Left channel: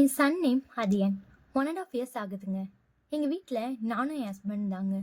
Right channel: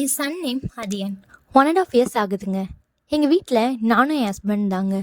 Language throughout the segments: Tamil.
என் சன் நேம் அதியன். 1.5 இயர்ஸ் ஆகுதுங்க. எங்கள் வீட்டில் நானும் என் ஹஸ்பண்ட் தாங்க.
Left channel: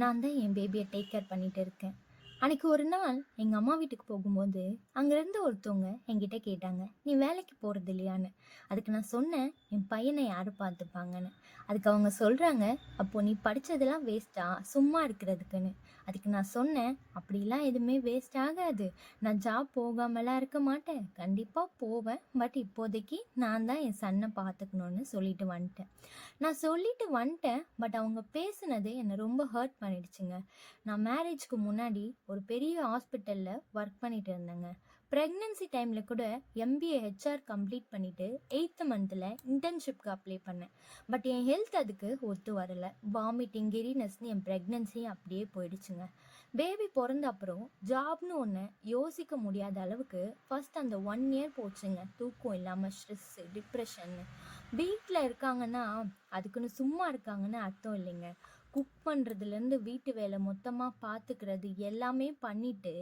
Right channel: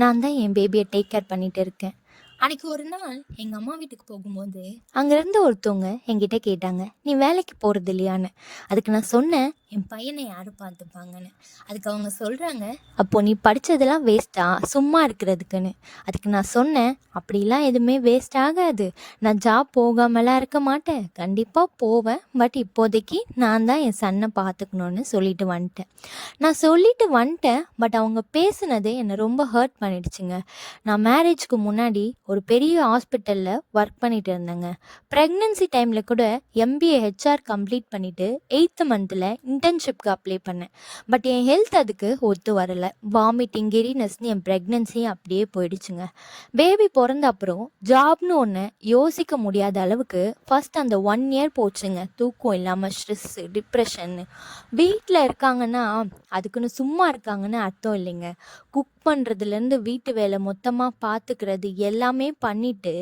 நான் தான் என் பேபியை டேக் கேர் பண்ணிட்டு இருக்கேன். அன்னைக்கு ஒரு நாள் எங்கள் அம்மா வீட்டுக்கு போகும்போது அங்கேருந்து ஒருத்தவங்க என்கிட்ட கேட்டாங்க, நீ வேலைக்கு போகிறது இல்லையான்னு. அதுக்கு நான் சொன்னேன், என் பையனை யார் பார்த்துப்பாங்கன்னு. அதுக்கு அவங்க சொல்கிறாங்க, அப்போது நீ படித்ததெல்லாம் வேஸ்ட்டா சும்மா இருக்கிறதுக்குன்னு. அதுக்கு நான் சொன்னேன், அப்படிலாம் எதுவுமே வேஸ்ட் ஆகாது. நான் ஜாப் போகாமலாம் இருக்க மாட்டேன், கண்டிப்பாக போவேன். பட் இப்போதைக்கு நான் தான் என் சன்னை பார்த்துக்கணுன்னு சொல்லிட்டு வந்துட்டேன். நான் சொல்லிட்டு வந்துட்டேன். பட் அவங்க பேசுனது என்னை ரொம்ப ஹர்ட் பண்ணிடுச்சுங்க. நான் மேரேஜ்க்கு முன்னாடி ஒரு பெரிய ஹாஸ்பிட்டலில் ஒர்க் பண்ணிட்டு இருந்தேங்க. ப்ரெக்னென்சி டைமில் கூட எம்பிஏ ஹெச்ஆர் கம்ப்ளீட் பண்ணிவிட்டு 8th மந்தில் இன்டர்ன்ஷிப்க்கு அப்ளை பண்ணேன். பட் என் ஹெல்த் அதுக்கு ஒத்து வரலை. வாமிட்டிங், கிரினஸ்னு என் ப்ரெக்னென்சி அப்படியே போயிடுச்சுங்க. பேபி பிறந்த அப்புறம் ஜாப்னு ஒன்று யோசிக்க முடியாத அளவுக்கு ஃபஸ்ட் அந்த 1 இயர் போச்சுங்க. தூக்கம் இல்லாமல், ஸ்ட்ரெஸ்ஸு, டிப்ரெஷன்னு. வீட்டில் இருக்காங்கன்னா அதுக்குன்னு சும்மா இருக்காங்கன்னு அர்த்தம் இல்லைங்க. குக் பண்ணுறதுலேருந்து வீட்டு வேலை மொத்தமாக பார்த்துக்கிறது எல்லாமே பண்ணிவிட்டு,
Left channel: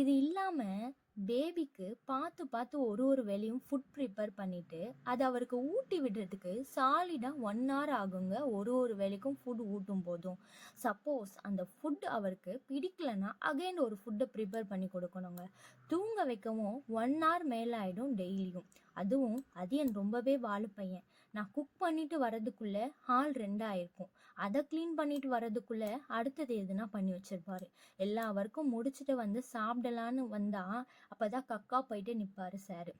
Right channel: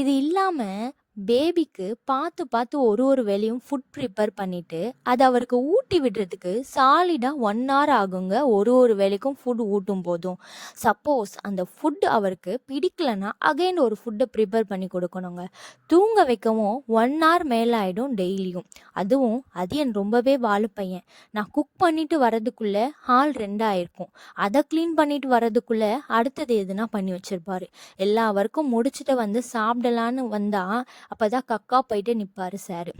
இது இல்லாமல் பேபிக்கு பார்த்து பார்த்து ஒரு வேலையும் ஃபுட் ப்ரிப்பேர் பண்ணிவிட்டு அதை அவருக்கு ஊட்டி விடுறதுக்கு சாலிடாக 1 hour ஆகுங்க. ஒரு வேலைக்கும் ஃபுட் ஊட்டும் போதும். சப்போஸ் அந்த ஃபுட் அவருக்கு பிடிக்கலன்னா அகைன் ஒரு ஃபுட்டை ப்ரிப்பேர் பண்ணி கொடுக்கணுங்க. தூங்க வைக்கவும் 1 hour மேலே ஆகிடும் டெய்லியும். அதுவும் அது என் ரொம்பவே வாழு பையன். நான் குக் பண்ணிட்டு வரதுக்குள்ளே ஹால் 2 ஆயிருக்கும். அதை க்ளீன் பண்ணிட்டு வரதுக்குள்ளே அடுத்தது எதுனா பண்ணி வச்சிருப்பாரு. எல்லா ஒர்க்கும் முடிச்சுட்டு வந்து சாப்பிடலான்னு வந்தா அப்பதான் கக்கா போயிட்டு நிற்பாரு சார்.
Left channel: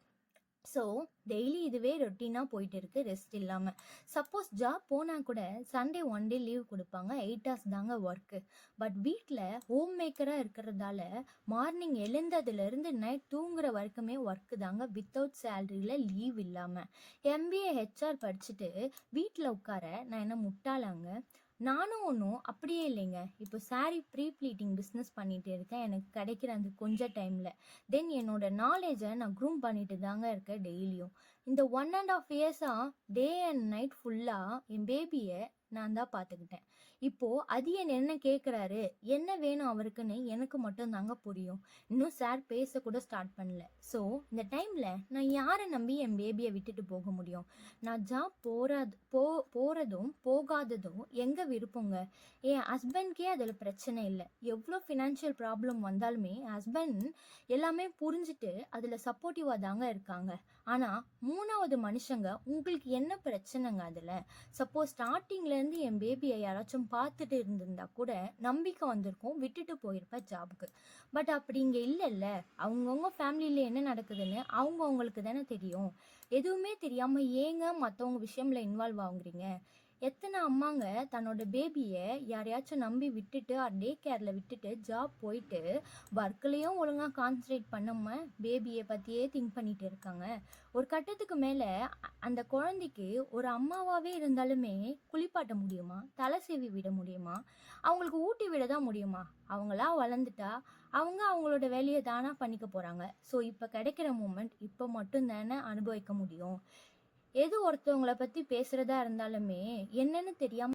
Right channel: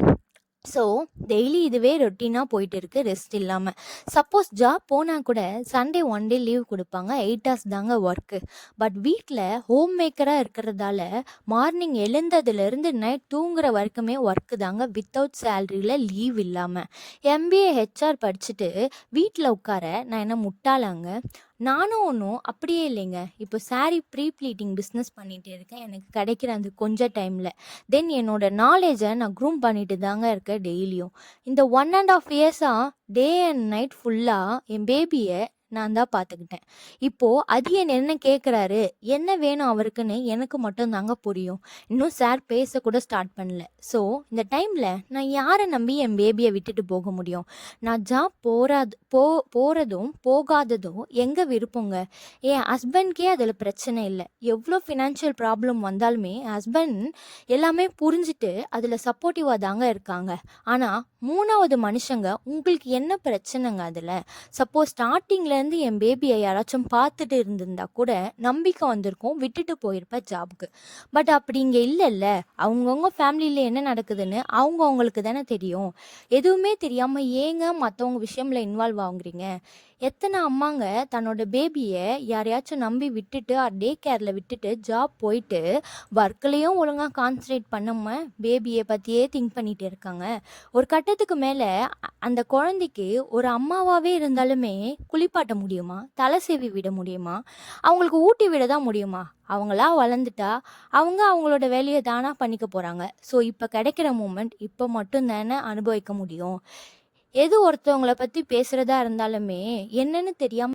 ஸோ டெய்லி இதுவே ரொட்டீனாக போயிட்டு இருக்கு, ரெஸ்ட் இல்லாமல். சப்போஸ் ஜாப் போனால் கூட சண்டே 1 டே லீவ் கொடுப்பாங்க. 8 hours தாங்க ஒர்க்கு. பட் வீட்டில் ஹோம் மேக்கராக இருக்கிறதால மார்னிங் எழுந்ததுலேருந்து நைட் தூங்குற வரைக்குமே ஒர்க்கு தாங்க, வித்தவுட் சேலரியில், லீவ் இல்லாமல். எம்பிஏ ஹெச்ஆர் படிச்சுட்டு வீட்டில் உட்கார நான் என்ன முட்டாளாங்க? நானும் ஒன்றும் அப்படியே இல்லைங்க. இப்போ சாரீ ப்ரீ ப்ளீட்டிங் பிஸ்னஸ் பண்ணிகிட்டு இருக்கேன், எனக்கு கிடைக்கிற அந்த கொஞ்ச டைமில். தென் என்னோட நாலேஜை நான் க்ரூம் பண்ணிட்டு தாங்க இருக்கேன் டெய்லியும். இந்த 1.5 இயர்ஸாக டே அண்ட் நைட் ஃபுல்லாக என் பேபியை நான் தான் பார்த்துக்கிட்டேன். இப்போது அது என்ன கேட்குறாரு, என்ன வேணும் அவருக்குன்னு எனக்கு மட்டும் தாங்க புரியும். இன்னும் சார் பேசக்கூட ஸ்டார்ட் பண்ணல. ஸோ இந்த டைமில் நான் யாரை நம்பி என் பேபியை விட்டுட்டு போக முடியும்? நான் ஜாப் போகிறதும் போகாததும் எங்கள் விருப்பங்க. என் ஹஸ்பண்ட்கே அதில் பிரச்சனை இல்லை. எவ்வளோ ஃபினான்ஷியல் ப்ராப்ளம் வந்தாலுமே ஹஸ்பண்ட் எல்லாமே புரிஞ்சுட்டு அதில் சப்போர்ட்டிவாக தாங்க இருக்காங்க. ஆனால் 3வது மனுஷங்க உங்களுக்கு என்ன பிரச்சனைங்க அதில்? சப்போஸ் ஸ்டார்டிங்லேருந்து என் பேபியை யாராச்சும் பார்த்துட்டு இருந்திருந்தா கூட நம்பிக்கை வந்திருக்கும், விட்டுட்டு போயிருப்பேன் ஜாபுக்கு. பட் அப்படி இங்கே இல்லைல்ல. அவங்கவுங்க ஃபேமிலியில் என்ன நடக்குதுன்னு அவங்களுக்கு தானே தெரியும். எதுவுமே தெரியாமல் ஏங்க மற்றவங்க விஷயம்ல இன்வால்வ் ஆகுறீங்க? எத்தனை அம்மாங்க தன்னோட பேபியை யாரையாச்சும் நம்பி விட்டுட்டு டே கேரில் விட்டுட்டு ஜாப் போயிட்டு ஒர்க்லேயும் ஒழுங்காக கான்சன்ட்ரேட் பண்ணாமல் பேபியை பற்றியே திங்க் பண்ணிகிட்டு இருக்காங்க. ஒரு கட்டத்துக்கு மேலே அந்த குழந்தைக்கு ஒரு அம்மாவாகவே இருந்தாலுமே குளிப்பாட்ட முடியுமா? தலை சீவி விட முடியுமா? அவங்களுக்கு ஊட்டி விட தான் முடியுமா? அவங்களா வளர்ந்துட்டா அவங்களோட வேலையை தானாக பண்ணிக்க போகிறாங்க. ஸோ இப்போ கிடைக்கிற மூமெண்ட் இப்போ மட்டும் தானே அனுபவிக்க முடியும். எது ஒருத்தவங்கள பற்றி பேசுகிறதா இருந்தாலுமே என்னன்னு தெரியாமல்